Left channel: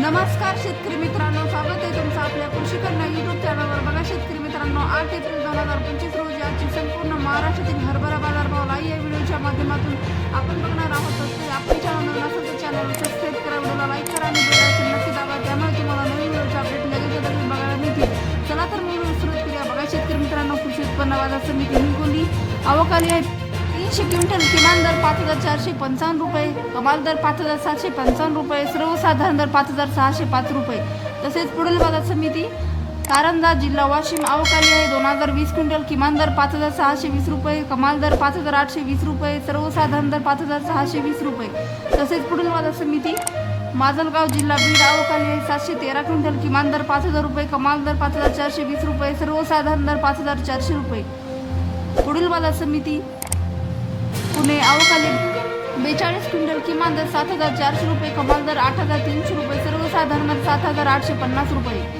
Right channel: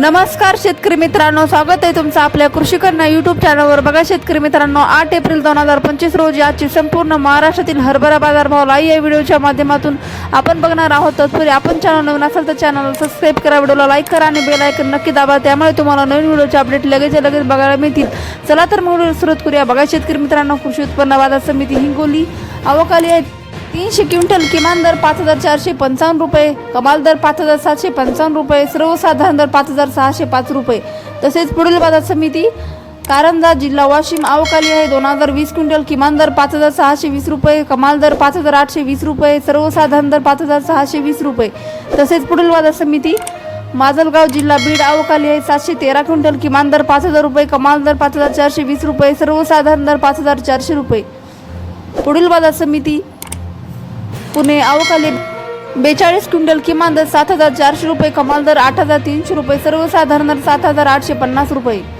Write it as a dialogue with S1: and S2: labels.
S1: नमस्कार शेतकरी मित्रांनो स्वागत आहे तुमचं आपल्या कृषी कन्या युट्यूब चॅनलवर बघा शेतकरी मित्रांनो आठ एप्रिल दोन हजार पंचवीस रोजी आजची संपूर्ण महाराष्ट्रातील हरभरा बाजार भाव लाई या व्हिडिओच्या माध्यमातून आपण बघणार आहोत. तत्पूर्वी आपण चॅनल नवीन असाल तर चॅनल सबस्क्राईब करा व्हिडिओला लाईक करा आणि बेल आयकन नक्की दाबा. त्यामुळे तुम्हाला नवीन व्हिडिओचे अपडेट लगेच लगेच बघायला मिळतील. चला तर मग सुरुवात करूया. बघा शेतकरी मित्रांनो कृषी उत्पन्न बाजार समिती हिंगोली अवकाली आहे तीनशे क्विंटल किमान दर पाच हजार चारशे पंचावन्न रुपये कमाल दर पाच हजार सातशे पंचावन्न रुपये सर्वसाधारण दर पाच हजार सहाशे पाच रुपये. तसेच पुढील बाजार समिती कारंजा जिल्हा वाशिम अवकाली आहे. दोन हजार वीस क्विंटल किमान दर पाच हजार सहाशे वीस रुपये कमाल दर पाच हजार आठशे वीस रुपये सर्वसाधारण दर पाच हजार सहाशे वीस रुपये. तसेच पुढील बाजार समिती माजलगाव जिल्हा बीड अवकाली आहे. सातशे तेरा क्विंटल किमान दर पाच हजार रुपये कमाल दर पाच हजार चारशे वीस रुपये सर्वसाधारण दर पाच हजार चारशे रुपये. पुढील बाजार समिती पुणे अवकाली बेचाळीस क्विंटल किमान दर सात हजार चारशे रुपये कमाल दर आठ हजार तीनशे रुपये सर्वसाधारण दर सात हजार आठशे पन्नास रुपये.